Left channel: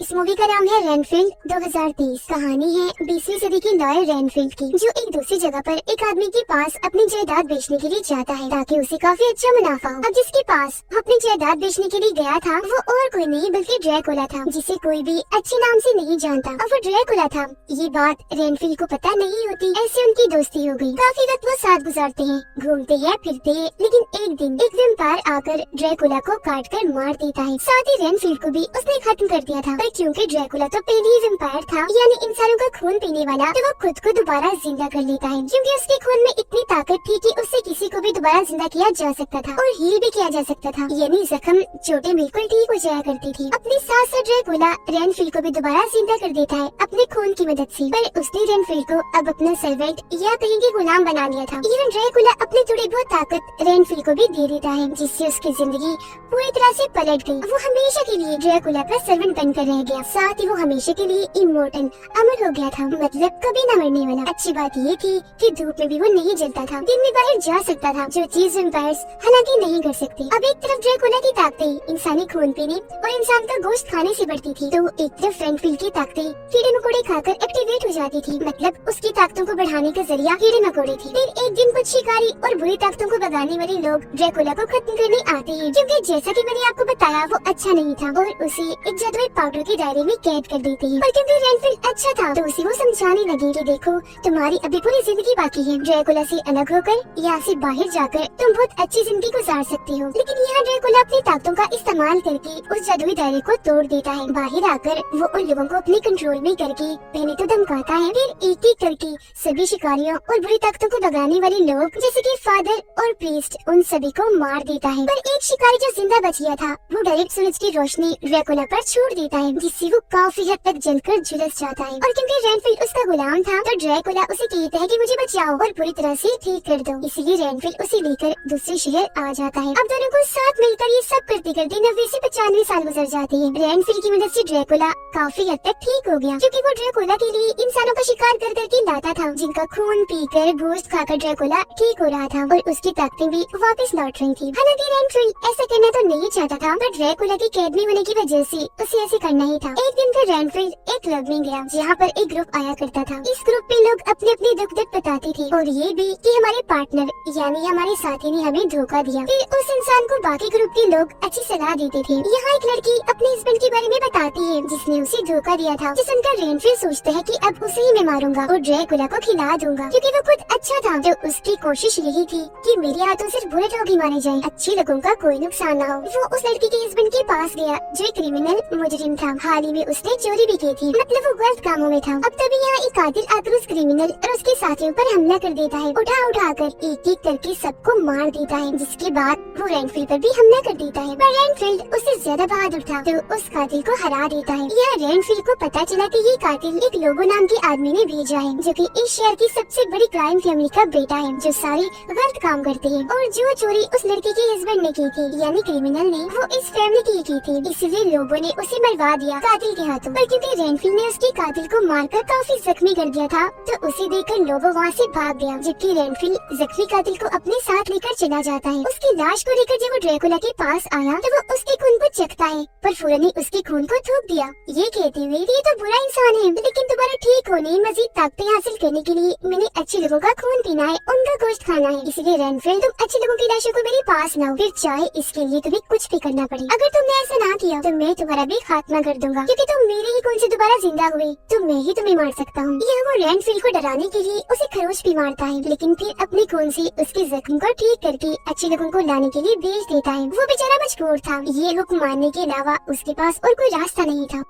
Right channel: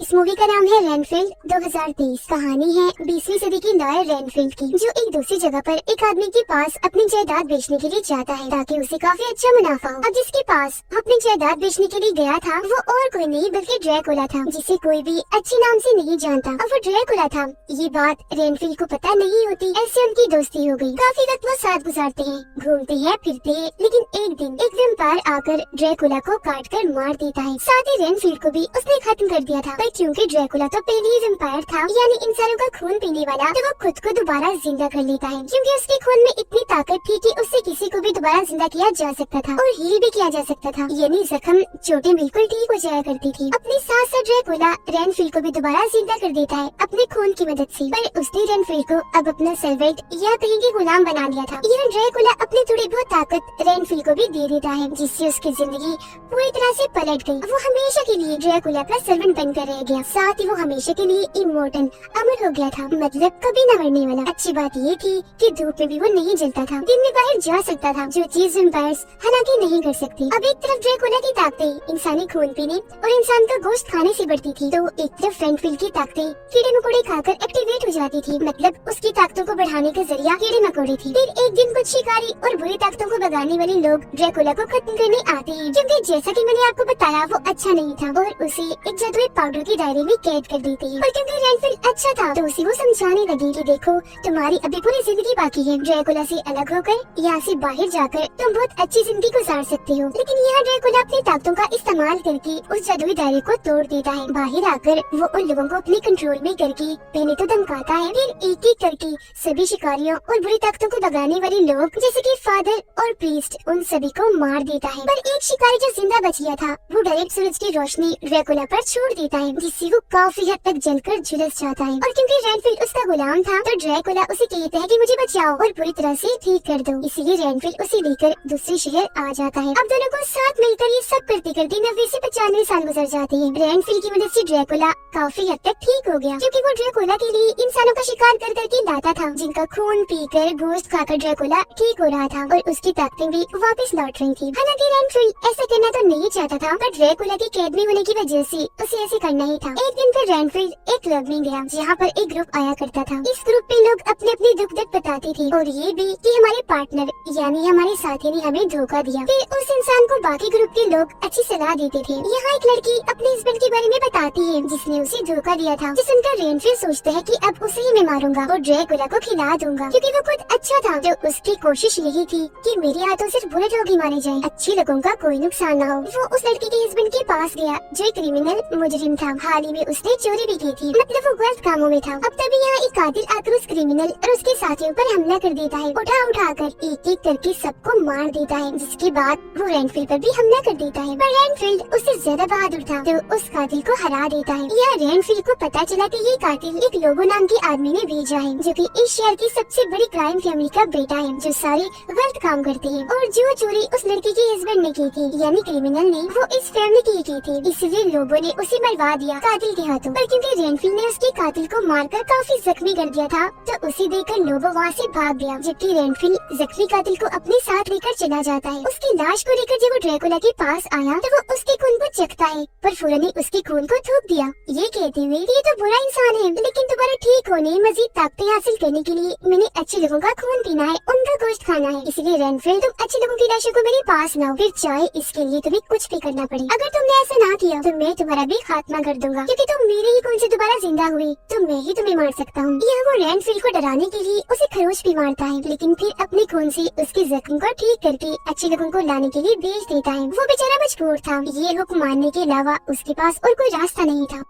इस मूवी का नाम है रेनफील्ड 2023। कहानी है 20वीं सदी के लॉयर रेनफील्ड की, जो एक दूसरी जगह पर एक आदमी के पास अपनी जायदाद बेचने के लिए जाता है ताकि उसे काफी अच्छा मुनाफा हो। अब जिसके पास अपनी जायदाद बेचने के लिए गया था वो और कोई नहीं बल्कि ड्रैकुला था, जिसे कोई भी अच्छे नाम से नहीं जानता। अब वो ड्रैकुला था, ये बात रेनफील्ड को पता नहीं होती। ऐसे उनकी दोस्ती हो गई। काफी वक्त वो साथ गुजारते हैं, घूमते हैं, फिरते हैं। लेकिन एक दिन एक वेम्पायर आकर ड्रैकुला को काट कर मार देता है। साथ ही रेनफील्ड को भी उसने खत्म कर दिया था, पर क्योंकि ड्रैकुला तो पहले ही वेम्पायर था, यानी इंसानों का खून पीने वाला, तो वो खुद को दोबारा जिंदा कर लेता है। क्योंकि उसके खून में इतनी ताकत थी कि उससे किसी को भी दोबारा जिंदा किया जा सकता था और हील भी किया जा सकता था, यानी जख्म चोटें बिल्कुल ठीक हो जाया करती थी। अपने साथ साथ ड्रैकुला रेनफील्ड को भी दोबारा जिंदा कर देता है अपने खून की मदद से। पर उसने रेनफील्ड को अब अपना सर्वेंट या कहेंगे गुलाम बना लिया था। यहाँ ड्रैकुला अपनी थोड़ी बहुत ताकत रेनफील्ड को भी दे देता है, जिससे उसकी जिंदगी पूरी तरह से पलट गई। वो हमेशा के लिए ड्रैकुला का सर्वेंट बनकर रह गया। साथ ही वो हमेशा के लिए इमोर्टल अमर हो गया था, मतलब कभी न मरने वाला। अच्छी बात ये थी कि धूप में भी वो नहीं जलता था, दिन में बाहर जा सकता था, जो चीज वेम्पायर्स हालांकि नहीं कर सकते। अब एक तरफ ड्रैकुला की ताकतें इंसानी खून पीने और इंसान का गोश्त खाने से बढ़ती थी, तो एक तरफ रेनफील्ड की ताकतें कीड़े मकोड़े खाकर एक्टिवेट हो जाती थी, मतलब उसकी ताकतों को बढ़ाने का जरिया कीड़े मकोड़े थी। फिर एक दिन कुछ शिकारी और बुरी ताकतों को भगाने वाले लोग ड्रैकुला को खत्म करने आते हैं, क्योंकि जैसा कि मैंने आपको बताया वो अच्छा नहीं था और उसे एक जादुई पाउडर के दायरे में कैद कर देते हैं। पर क्योंकि रेनफील्ड अच्छा था तो उसे वो समझाने लगे कि देखो तुम्हारी अभी पूरी जिंदगी बाकी है, ड्रैकुला से अलग होकर यहाँ से बाहर जाकर तुम बहुत अच्छी जिंदगी गुजार सकती हो। लेकिन यह ड्रैकुला अपनी ताकतों का इस्तेमाल करके उस जादुई दायरे को तोड़ देता है। बाहर आकर वो उन लोगों को अपने कंट्रोल में करके पहले तो धमकाता है, फिर एक एक करके सभी शिकारियों और बुरी ताकतों को भगाने वाले लोग जैसे कि फादर और प्रीस्ट उन सभी को मार देता है। पर एक शिकारी जो जिंदा बच गया था वो डायरेक्ट सूरज की रोशनी ड्रैकुला पर छोड़ देता है, जिससे वो काफी हद तक जलकर झुलस जाता है। और क्योंकि रेनफील्ड उसका गुलाम था तो ड्रैकुला उसे कहता है कि मुझे बचाओ और पूरी तरह से ठीक कर दो। इसीलिए रेनफील्ड उसे लेकर दूसरे शहर आ जाता है। अब दोनों को साथ मिलकर ये सब करते करते 90 से 95 साल गुजर जाते हैं। रेनफील्ड की मदद से ड्रैकुला काफी हद तक ठीक हो गया, क्योंकि वो ड्रैकुला के लिए इंसानों का शिकार कर करके लाता था, जिनका खून पीकर गोश्त खाकर ड्रैकुला ठीक हो रहा था और उसकी ताकतें भी वापस लौट रही थी। हालांकि रेनफील्ड ऐसा करना तो नहीं चाहता था, पर ड्रैकुला की कैद में होने की वजह से उसे ऐसे करना ही था। एक दिन फिर रेनफील्ड एक क्लब में गया जहाँ पर एक ग्रुप आया करता था। इस ग्रुप में लोग अपने अपने दुख दुख बताते थे और ये भी कि हमारे पार्टनर यानी हमारे साथी ने हमें धोखा दिया। फिर उस इंसान को बाकी ग्रुप के लोग अच्छी सलाह देते थे। यहाँ एक लड़की अपने हस्बैंड के बारे में बताती है जिसने उसे धोखा दिया था। जिस सुनकर रेनफील्ड सोचता है कि अब उसे ही मैं मारूंगा और ड्रैकुला को खिला दूंगा, क्योंकि वो खुद अच्छा था। जो उसकी कोशिश यही थी कि मेरे हाथों सिर्फ बुरे लोग ही मारे जाएं, अच्छे लोगों का कोई नुकसान न हो। वो उस लड़की के हस्बैंड के पास गया जो एक क्रिमिनल मुजरिम था। हाल ही में उसने चोरी भी की थी, मतलब वो गलत कामों में था। अब तभी यहाँ एक कातिल आकर उस क्रिमिनल और उसके साथियों पर हमला कर देता है, उठा कर एक एक करके सबको मार देता है। जिसके बाद वो रेनफील्ड पर भी हमला कर देता है, पर रेनफील्ड उससे ज्यादा बहादुर था तो उस कातिल को हरा देता है। यह रेनफील्ड को पता चला कि ये कातिल एक लोगो नाम के आदमी ने भेजा है, जो कि इस शहर की सबसे बड़ी क्राइम फैमिली का बेटा है, जो सारे गलत काम करते हैं। और जो चोरी उस लड़की के हस्बैंड ने की थी यानी क्रिमिनल ने, वो इस फैमिली की थी। इसलिए लोगों ने उसे मरवा दिया कातिल के हाथों। पर क्योंकि रेनफील्ड ने उसके कातिल को मारकर काफी जख्मी कर दिया था तो उसे देखकर लोगो वहाँ से भाग गया, जबकि रेनफील्ड जख्मी कातिल को अपने साथ लेकर चला जाता है। उसकी लाश को लेकर जब वो ड्रैकुला के पास आया तो वो उसके खून को चखता है, पर फौरन ही उसके खून को थूक दिया, ये कहते हुए ये तो बुरा इंसान है, लेकिन दोबारा ठीक होने मजीद ताकतें हासिल करने के लिए मैंने अच्छे लोगों का खून पीना है, उनका गोश्त खाना है। इसलिए रेनफील्ड तुम अच्छे लोगों की लाशों को मेरे पास लाओ, फिर चाहे इसके लिए तुम्हें कुछ भी करना पड़े। अगर तुमने ऐसा ना किया तो मैं तुम्हारा भी खात्मा कर दूंगा, क्योंकि तुम मेरे ही खून से दोबारा जिंदा हुए तो मैं ही तुम्हें मार सकता हूँ। यह वो रेनफील्ड को डराने के लिए उसे खरोच भी मारता है, लेकिन फिर अपने खून से उसके जख्म को ठीक करके अच्छे लोगों को लाने के लिए भेज देता है। वो बेचारा मजबूर था, ये हुक्म मानने के अलावा उसके पास और कोई रास्ता नहीं था।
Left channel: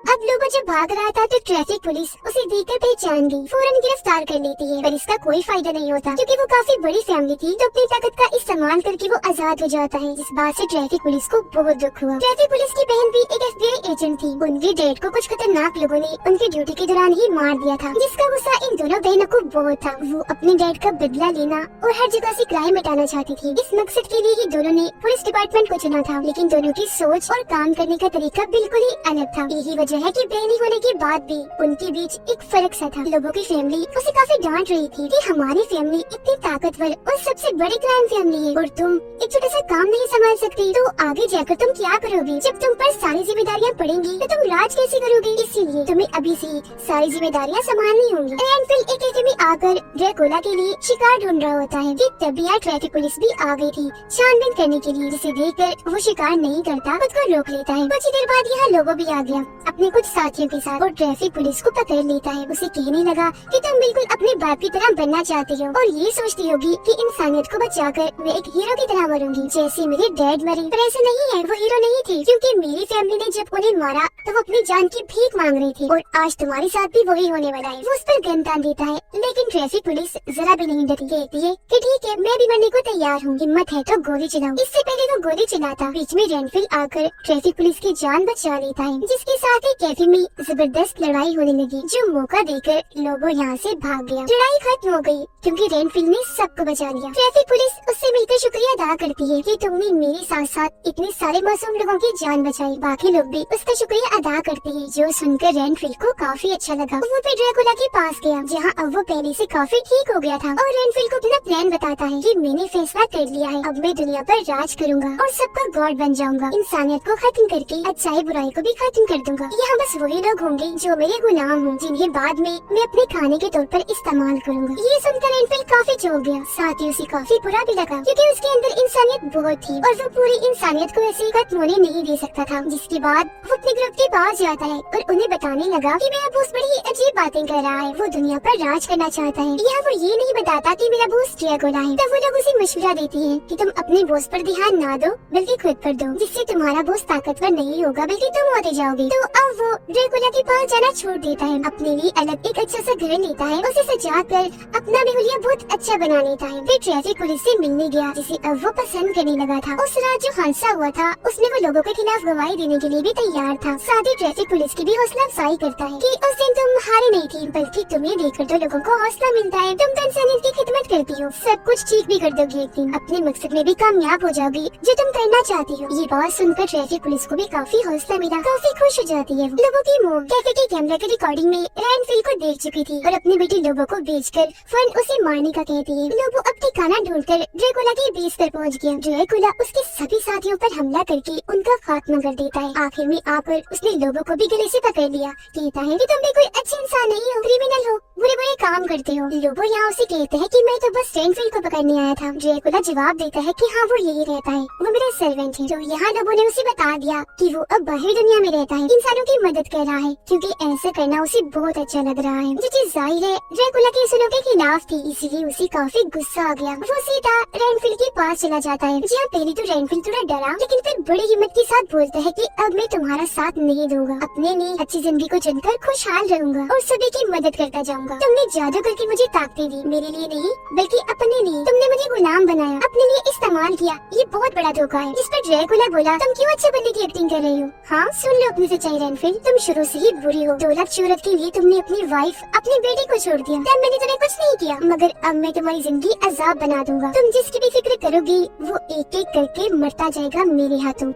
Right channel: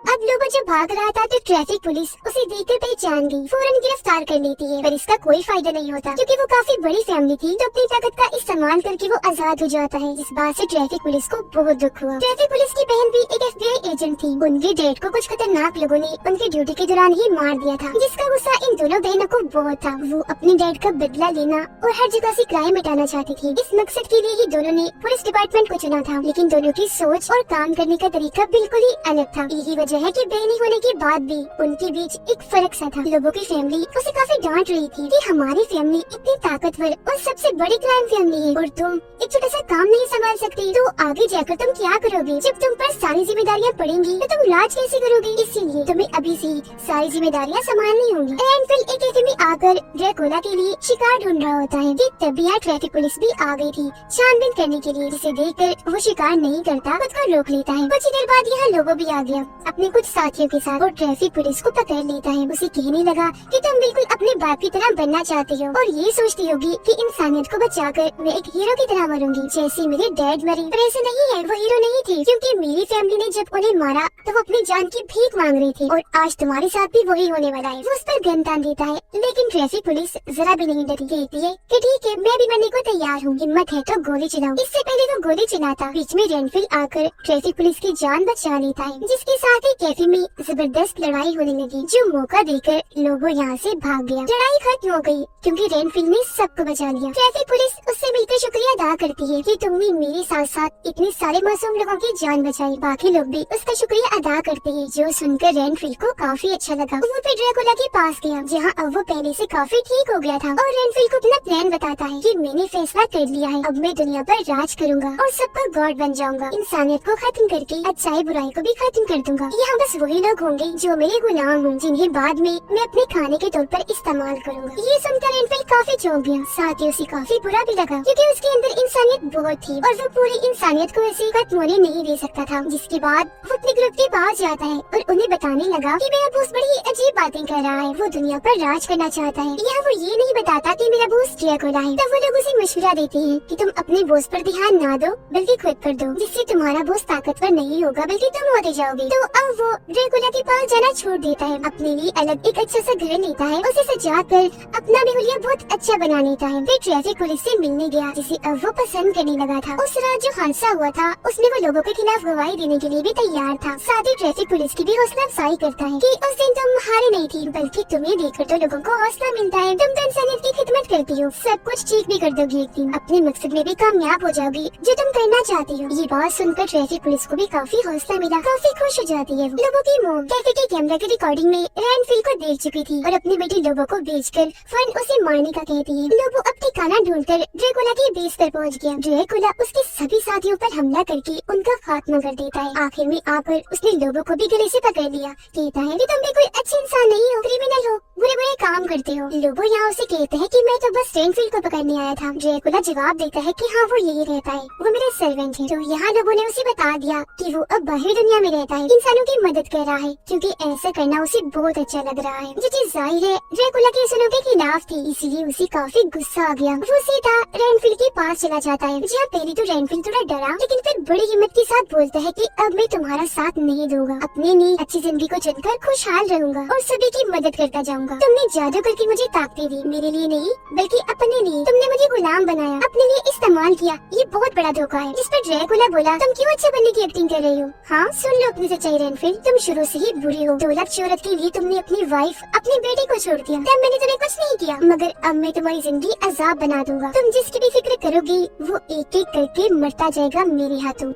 अब लोगों जो भाग रहा था तो ट्रैफिक पुलिस उसे देखकर पहचान गई, फौरन गिरफ्तार कर लेती है। पर इसका कोई फायदा नहीं होता, क्योंकि वो काफी बड़ी फैमिली थी तो अपनी ताकत का इस्तेमाल करके वो आजाद हो जाता है। इस बात से ट्रैफिक पुलिस को बहुत दुख हुआ। ट्रैफिक पुलिस की बहन भी एक FBI एजेंट थी। उनकी डैड को कुछ खतरनाक लोगों ने उनकी ड्यूटी के दौरान ही मार दिया था, जिसका गुस्सा इन दोनों बहनों को बहुत था। वो अपनी डैड का बदला लेना और हर जगह से क्राइम मिटाना चाहती थी। इस मकसद के लिए ही दोनों ने पुलिस डिपार्टमेंट को चुना था, लेकिन दोनों की सोच और काम करने का तरीका बिल्कुल ही अलग था। यही वजह है कि बहनी होने के बाद भी उनके बीच एक फर्क सा था। लोगों की फैमिली उसे काफी डांट रही थी कि हमारी फैमिली इतनी ताकतवर और सबसे बड़ी क्राइम फैमिली है और तुम एक छोटा सा काम नहीं संभाल सकती, तो आगे जाकर तुम क्या करोगे जब तुम पर सारी जिम्मेदारियां पड़ बनेंगी तो तुम राज कैसे करोगी, इसीलिए तुम्हें अभी से सारी जिम्मेदारियाँ संभालनी होंगी। रेनफिल एक कैफे में आकर ड्रैकुला के लिए शिकार ढूंढ रहा होता है कि तभी यहाँ ट्रैफिक पुलिस भी आ गई थी छानबीन करने के लिए, जिसे देखकर वो शिकार नहीं करता, खुद को रोक लेता है। कुछ ही देर बाद यहाँ लोगो भी आ गया अपने कुछ साथियों के साथ और ट्रैफिक पुलिस को पकड़ लेता है। उसे कहने लगा कि तुम बिल्कुल अपने बाप की तरह बनना चाहती हो और ये सोचती होगी कि इंसानियत को बचाकर मैं एक हीरो की तरह मरूंगी जैसे मेरे डैड मरे। पर ऐसा नहीं है, वो हीरो नहीं थे, क्योंकि मेरी फैमिली ने जब उन्हें मारा तो वो अपनी जान की भीख मांग रहे थे और आज तुम्हारे साथ भी वही होने वाला है। वो उस पर गन तान देता है, लेकिन ट्रैफिक पुलिस जरा भी नहीं डरती, कहती है कि ठीक है मैं भी मरने को तैयार हूँ, हिम्मत है तो गोली चलाओ। इससे पहले वो गोली चलाता बीच में रेनफिल आकर ट्रैफिक पुलिस की जान बचा लेता है, जिसके साथ ही कैफे में जबरदस्त लड़ाई होने लगी, जो मौका देकर लोगो यहाँ से भाग गया। लड़ाई खत्म हो गई क्योंकि रेनफिल ने सबको बचा लिया। ट्रैफिक पुलिस उससे मिलकर शुक्रिया अदा करती है कि तुमने मेरे साथ साथ इतने सारे मासूम लोगों की जान बचाई। बाकी लोग भी उसका शुक्रिया अदा करते हैं, जो सुनकर रेनफिल को काफी अच्छा लगा। वो फिर ड्रैकुला के पास गया जहाँ अब वो पहले से काफी ठीक हो गया था और रेनफिल को अपना प्लान बताता है कि मैंने फैसला कर लिया है, अब मैं दुनिया पर राज करूंगा और सबका गॉड बन जाऊंगा। इंसानियत को खत्म करके अच्छाई बुराई को भी खत्म कर दूंगा। यहाँ बस वही लोग होंगे जो मेरे गुलाम हों, जिन्हें बाद में मैं अपने खाने के तौर पर इस्तेमाल करूंगा। ये सुनकर रेनफिल काफी चौंक गया, साथ ही उसे काफी बुरा भी लगा क्योंकि उसके अंदर इंसानियत बहुत थी और वो पूरी इंसानियत को ऐसे खत्म होने नहीं दे सकता था। जिसके बाद वो अपने ग्रुप के पास जाता है और उन्हें बताने लगा कि मेरा बॉस बड़ी अजीब बातें कर रहा है, वो दुनिया पर राज करना चाहता है। यहाँ वो ये नहीं बताता कि मेरा बॉस ड्रैकुला है। तब वो लोग उसे मशवरा देते हैं कि तुम अपने बॉस पर ध्यान ना दो बल्कि खुद पर दो, जिससे तुम्हारा बॉस ताकतवर नहीं होगा बल्कि तुम होते जाओगे। तो अब वो ड्रैकुला के पास जाना छोड़ देता है, अपने लिए अलग एक अच्छा सा घर लेता है, उसे सजा कर अपना भी हुलिया बहुत अच्छा बना लेता है। फिर ट्रैफिक पुलिस से मिलने गया जिसे अब वो पसंद करने लगा था। उस रात जो हादसा हुआ था उसमें वो लोगों के खिलाफ गवाही देने के लिए भी तैयार था। साथ ही ट्रैफिक पुलिस की भी हौसला अफजाई करता है कि उस दिन तुम हारे नहीं थी, बल्कि तुम्हें देखकर तो लोगों को हौसला मिलता है, तुम तो इंसानियत की खिदमत करती हो, सब कुछ ठीक भी कर दोगी, एक दिन अपने मकसद में भी कामयाब हो जाओगी जो तुम करना चाहती हो। ये बात सुनकर ट्रैफिक पुलिस को भी काफी हौसला मिला, काफी खुश हो जाती है। लोगों की मुँह कैफे के कैमरे की रिकॉर्डिंग में रेनफिल को देख चुकी थी और अपने बेटे लोबो को बेचकर फन उसे मारने का कहती है। लोबो अब ठिकाना ढूंढकर ड्रैकुला के बेस पर पहुंच गया। ड्रैकुला उसके सभी साथियों पर हमला करके उनका खात्मा कर देता है। आखिर में आकर उसने लोबो को भी गले से पकड़ लिया, कहता है कि तुम भी कोई अच्छे इंसान नहीं हो, क्रिमिनल हो, बुरे बुरे काम करते हो। लोबो यहाँ उसे कहते हैं कि मैं तो बस रेनफिल को पकड़ने आया था। ड्रैकुला जवाब देता है कि हाँ वो यही रहता है, वो मेरा सर्वेंट है। तो यहाँ लोबो ने उसे बता दिया कि वो अब बाहर दुनिया में रहता है, इंसानों की मदद कर रहा है क्योंकि ऐसा करना उसे बहुत अच्छा लग रहा है। जो चीज जाहिर है ड्रैकुला के इंसानों के खिलाफ थी, इसलिए उसे काफी गुस्सा आ गया। वो सीधा रेनफिल के पास चला जाता है। जहाँ पहले तो रेनफिल थोड़ा डरा, लेकिन फिर बड़ी हिम्मत के साथ बोलता है कि अब मैं तुम्हारा साथ नहीं दूंगा, अपने लिए अच्छी जिंदगी को चुनकर खुशहाल रहूंगा और सभी की मदद करता जाऊंगा। तुमने जादू करके मुझे ताकतें दी, मेरे लिए नहीं बल्कि अपने लिए। तुमने मुझे गुलाम बनाया, अपने लिए इस्तेमाल किया, ये बहुत बड़ा धोखा है। जिस पर ड्रैकुला बोला तुम क्यों अच्छे बनने की एक्टिंग कर रही हो? हाँ सुन लो अपनी सच्चाई रेनफिल, तुम शुरू से ही बुरी हो। दौलत शोहरत के लिए तुमने अपनी वाइफ, अपनी बेटी को छोड़ दिया, तब मैंने तुम्हें कुछ नहीं किया, मगर अब मैं तुम्हारी जिंदगी अजाब बना दूंगा। तुम जिसकी भी फिक्र करोगी वो एक एक करके मरता जाएगा मेरे हाथों।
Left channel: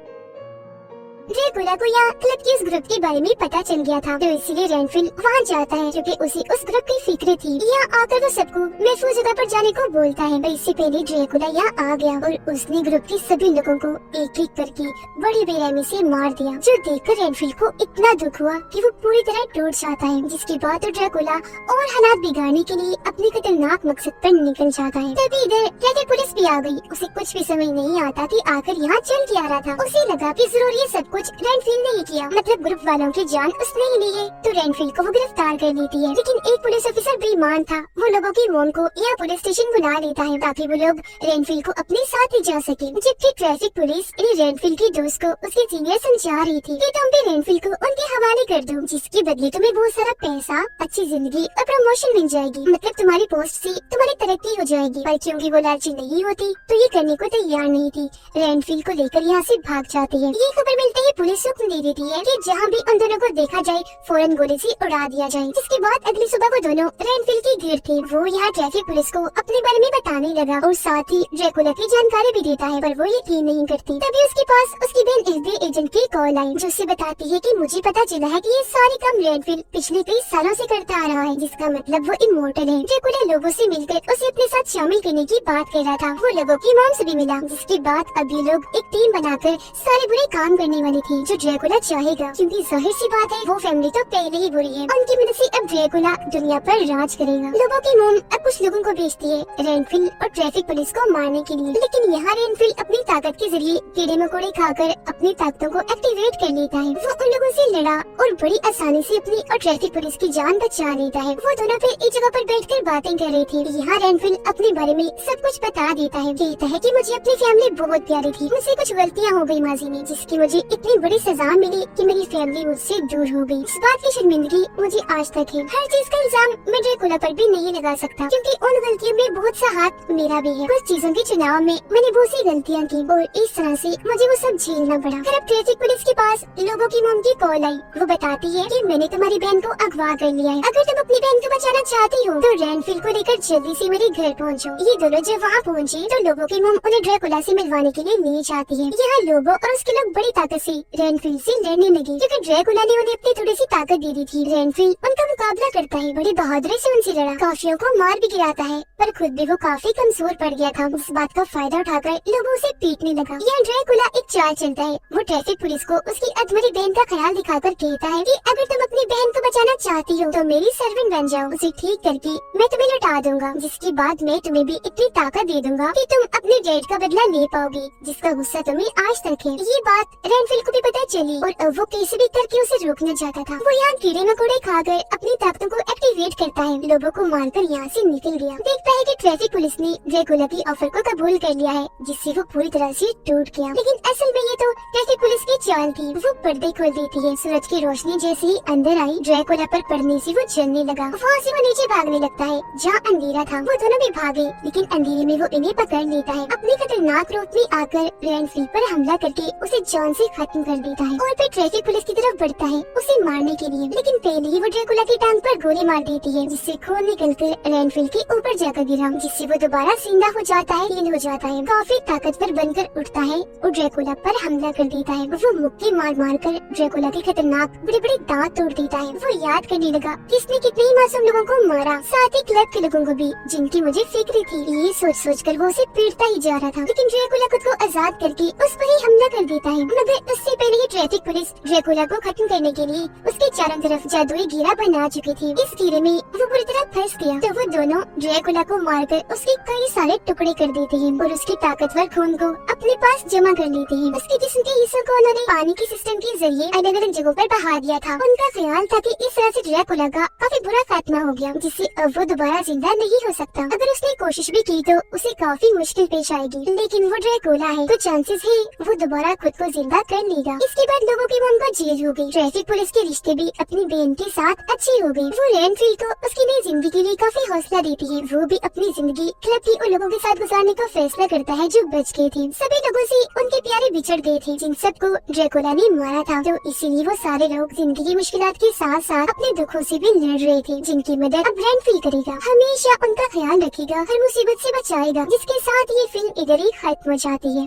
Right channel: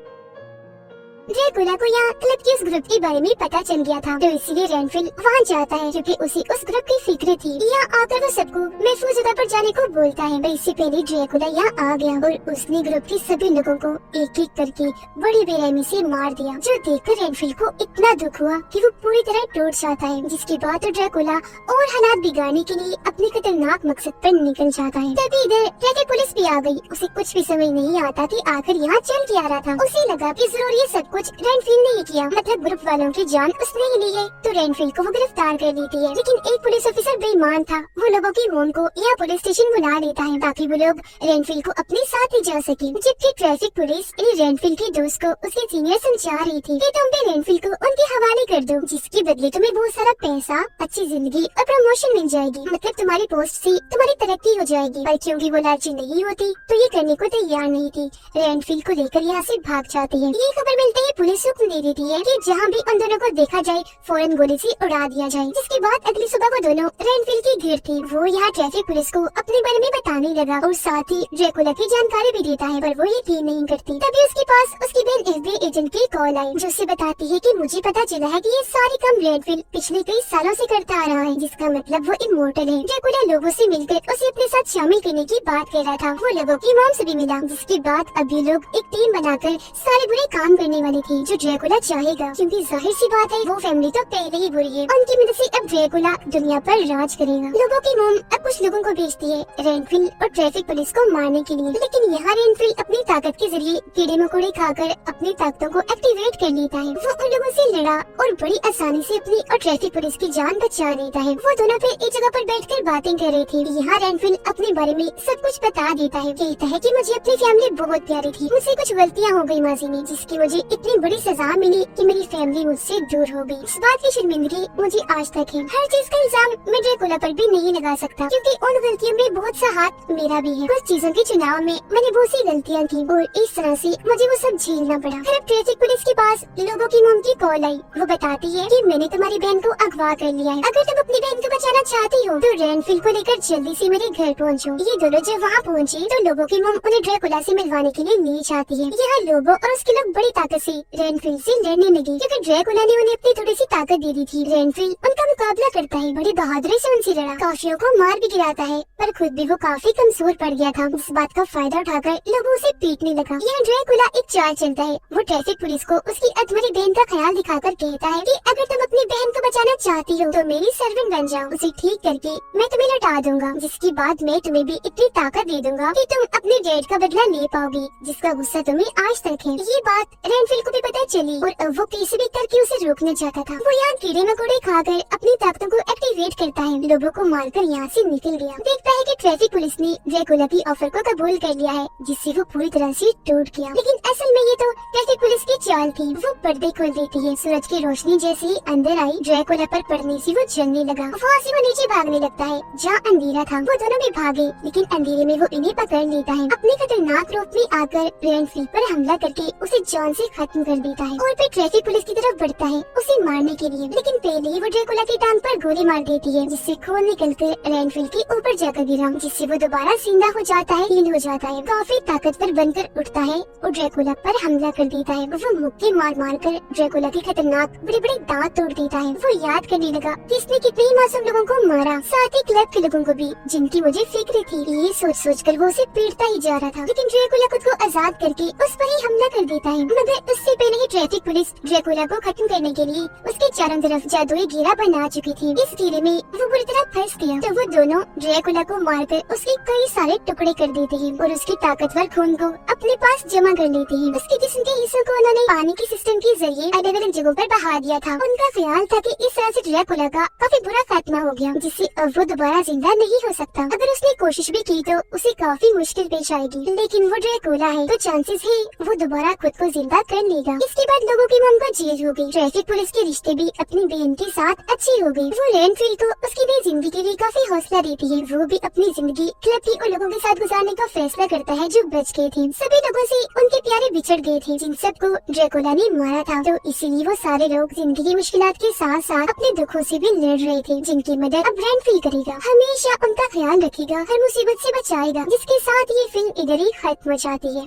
ड्रैकुला को यहाँ क्लब के उस ग्रुप के बारे में पता चल गया था, तो इसीलिए रेनफिल वहाँ जाता है क्योंकि उसे उस ग्रुप की फिक्र थी। यहाँ आकर वो सबको महफूज जगह पर जाने को बोलता है। इससे पहले ड्रैकुला यहाँ आ गया और उसने ग्रुप के सभी लोगों को एक एक करके बड़ी बेरहमी से मार दिया, जो देखकर रेनफिल को इतना दुख हुआ कि वो पूरी तरह टूट जाता है। जिसके बाद तो ड्रैकुला और हालात बिगाड़ने के लिए अपने खतरनाक मकसद पर निकल जाता है। तभी इधर ट्रैफिक पुलिस भी आ गई। उसे कुछ भी समझ नहीं आता कि आखिर यहाँ चल क्या रहा था। उसे लगा कि जरूर ये सब कुछ रेनफिल ने ही किया, मतलब ग्रुप वालों की जान उसने ही ली है। तो रेनफिल को वो गिरफ्तार कर लेती है, लेकिन एक पुलिस ऑफिसर बेईमान था, वो लोगों की मौत को यहाँ पुलिस स्टेशन बुला लेता है ताकि वो लोग रेनफिल को अपने साथ ले जा सके। जबकि ट्रैफिक पुलिस रेनफिल की दोस्त को उसके सीनियर समझा रही थी कि तुम भी रेनफिल को उनके हवाले कर दो, जिसके बदले तुम्हें बहुत सारा पैसा, अच्छी जिंदगी और प्रमोशन मिल जाएगी, मतलब तुम्हारी पोस्ट से तुम्हारी तरक्की हो जाएगी। पर क्योंकि वो लालची नहीं होती तो ये करने को तैयार नहीं थी। रेनफिल को लेकर यहाँ से भाग जाती है। ये खबर मिलते ही पुलिस हुक्म दे देती है कि जहाँ भी उन दोनों को देखा जाए फौरन गोली से उड़ा दिया जाए। जिसके बाद अगली सुबह वो दोनों रेनफिल की घेर थी। वो यहाँ ट्रैफिक पुलिस को अपने बारे में बताने लगा और साथ ही ड्रैकुला की जानकारी भी देता है, पर वो यकीन नहीं करती। तभी उसके पास उसकी बहन FBI एजेंट की कॉल आई, जो उसे बताती है कि मुझे पता चला है कि ये सारे काम रेनफिल पिछले कई सालों से करता आ रहा है, जिसका मतलब वो इमोर्टल है। ड्रैकुला लोगों से मिलकर उसे अपने साथ शामिल करने की बात कर रहा था। वो लोगों की मॉम से भी मिला, जिसके बाद अब ये लोग एक टीम बनाकर सारे बुरे काम करने वाले फैमिली थी जो ड्रैकुला चाहेगा, क्योंकि जाहिर सी बात है वो फैमिली तो पहले ही बुरी है। उनकी मदद से अब ड्रैकुला दुनिया पर राज करेगा। लोगों की मोम अब कुछ लोगों को भेजती है रेनफिल और ट्रैफिक पुलिस को मारने के लिए, लेकिन यहाँ रेनफिल अपनी ताकत के जरिए कीड़े मकोड़े खाकर अपनी ताकतों को एक्टिवेट कर लेता है। वो उन लोगों से लड़ा और बड़ी आसानी से अपनी और ट्रैफिक पुलिस की जान बचा लेता है। वो दोनों फिर एक जगह पर बैठकर बातें कर रही थी। यहाँ रेनफिल अपने बारे में सब कुछ बता देता है। कहता है कि मुझे अपनी फैमिली बहुत प्यारी थी, मुझसे कुछ गलतियाँ हो गई माजी में, जिसकी मुझे इतनी बड़ी सजा मिली कि मेरी फैमिली मुझसे दूर हो गई। इस बात की शर्मिंदगी मुझे आज तक है। हर चीज का इल्जाम मैं ड्रैकुला पर भी नहीं लगा सकता, क्योंकि उन गलतियों में बहुत सा हाथ मेरा भी है। कुछ चीजों के चुनाव में मैंने बहुत सी गलतियाँ की और इस तरह से मुझे वो सब झेलना पड़ा। फिर अब ट्रैफिक पुलिस के पास लोगों की मोम की कॉल आई। वो बताती है कि मैंने तुम्हारी बहन को अगवा कर लिया है। अगर तुम अपनी बहन को बचाना चाहती हो तो रेनफिल को लेकर जल्दी से मेरे घर पहुँचो। ये दोनों जब वहाँ पहुँची तो लोगों की मोम उन्हें ड्रैकुला से मिलवाने के लिए ले जाती है। यहाँ लोगो और उसके लोग बड़ी ताकत से रेनफिल से लड़ने लगे, क्योंकि ड्रैकुला ने उन्हें अपनी थोड़ी सी ताकत दे दी थी। रेनफिल उनका मुकाबला करता है, बड़ी बहादुरी से उनसे लड़ा, काफियों को मार भी गिराता है, पर खुद भी वो काफी कमजोर पड़ गया था। इस बात का फायदा उठाकर लोगों उसे पीटने लगा। यह ड्रैकुला एक चाल चलता है। वो ट्रैफिक पुलिस को उसकी अधमरी बहन का ख्याल दिखाकर कहता है कि अगर तुम अपनी बहन को बचाना चाहती हो तो मेरी सर्वेंट बन जाओ, उसे ठीक करके मैं तुम्हें लौटा दूंगा, जिसकी बाद मैं तुम्हें भी इतनी ताकत दे दूंगा कि तुम अपने डैड का बदला ले पाओगे, जिसका गुस्सा तुम्हें आज तक है। ये बात रेनफिल को भी पता चली और अब वो कैसे भी करके उसे रोकना चाहता था। वो यहाँ कीड़े मकोड़े खाकर अपनी ताकतों को एक्टिवेट करता है, लोगों को मारकर यहाँ से निकल गया। देखता है कि ट्रैफिक पुलिस ने ड्रैकुला की ऑफर को कबूल कर लिया है, जिससे वो पूरी तरह से टूट गया। लेकिन असल में ये तो ट्रैफिक पुलिस की चाल थी। वो पर्दे खोल देती है। सूरज की रोशनी जैसे ही अंदर आई, ड्रैकुला पर पड़ने से वो जलने लगा। वहाँ से वो नीचे भागने लगता है जहाँ अंधेरा था। वो दोनों भी भागे, लेकिन अंधेरे में वो इन्हें पकड़ लेता है। अपने खतरनाक रूप में आकर रेनफिल पर हमला करके उसे जान से खत्म कर देता है और फिर ट्रैफिक पुलिस की तरफ बढ़ता है उसे मारने के लिए। लेकिन पहले ही वो ड्रैकुला की टांग पर गोली मार देती है, जिससे खून निकलकर रेनफिल के ऊपर जाकर गिरा, जिससे वो दोबारा जिंदा हो जाता है, हील हो जाता है, काफी ताकतवर बनकर उठता है और ड्रैकुला पर हमला कर देता है। वो मुक्के मार मार कर ड्रैकुला के खतरनाक बड़े बड़े दांत तोड़ देता है। वो याद करने लगा कि इसने कितने ही मासूम लोगों को मारा, साथ ही क्लब के लोगों को भी, जिनकी मुझे फिक्र थी। ये सोच कर वो उसे पीटता ही जा रहा था, लेकिन ड्रैकुला खुद को आजाद करके उस पर ही हमला कर देता है। मगर उससे पहले ही ट्रैफिक पुलिस ड्रैकुला को खत्म करने के लिए उसके चारों तरफ जादुई घेरा बना चुकी थी। इस घेरे में वो बुरी तरह फंस गया, तो वो दोनों ड्रैकुला को मारकर उसके कई सारे टुकड़े कर देते हैं और उसके ताकतवर खून को अपने पास जमा कर लेते हैं। उसके जिस्म के हिस्सों को उन्होंने पानी के सिस्टम के जरिए अलग अलग जगहों पर बहा दिया था। उनका ख्याल था कि इस तरह से ड्रैकुला का काफी बुरा खात्मा हो गया, जिससे अब वो दोबारा जिंदा नहीं हो सकता। अगर उसने कोशिश भी की तो उसे काफी मुश्किल पेश आएगी, लेकिन वो ड्रैकुला है तो चांसेस है वो दोबारा खुद को जिंदा कर लेगा। इसके बाद लोगों की मोम पर जेल हो गई। ट्रैफिक पुलिस के रिश्ते भी अपनी बहन के साथ अच्छे हो गए। वो रेनफिल को उसकी नई जिंदगी के लिए काफी हौसला देती है। वो भी अपनी जिंदगी क्लब की उन लोगों के साथ गुजारने का फैसला करता है जो बच गए थे। सभी लोगों से उनके प्यारे बिछड़ गए थे, जिन सबको ड्रैकुला ने मारा था, तो इसीलिए वो सारे लोग जिंदगी की मुश्किलात के साथ साथ अपने दुखों से भी लड़ रहे थे, जिनकी मदद अब रेनफिल करेगा। हमेशा उनका ख्याल रखेगा, हर मुसीबत से बचाएगा। जिसके साथ ये फिल्म इधर ही खत्म हो जाती है।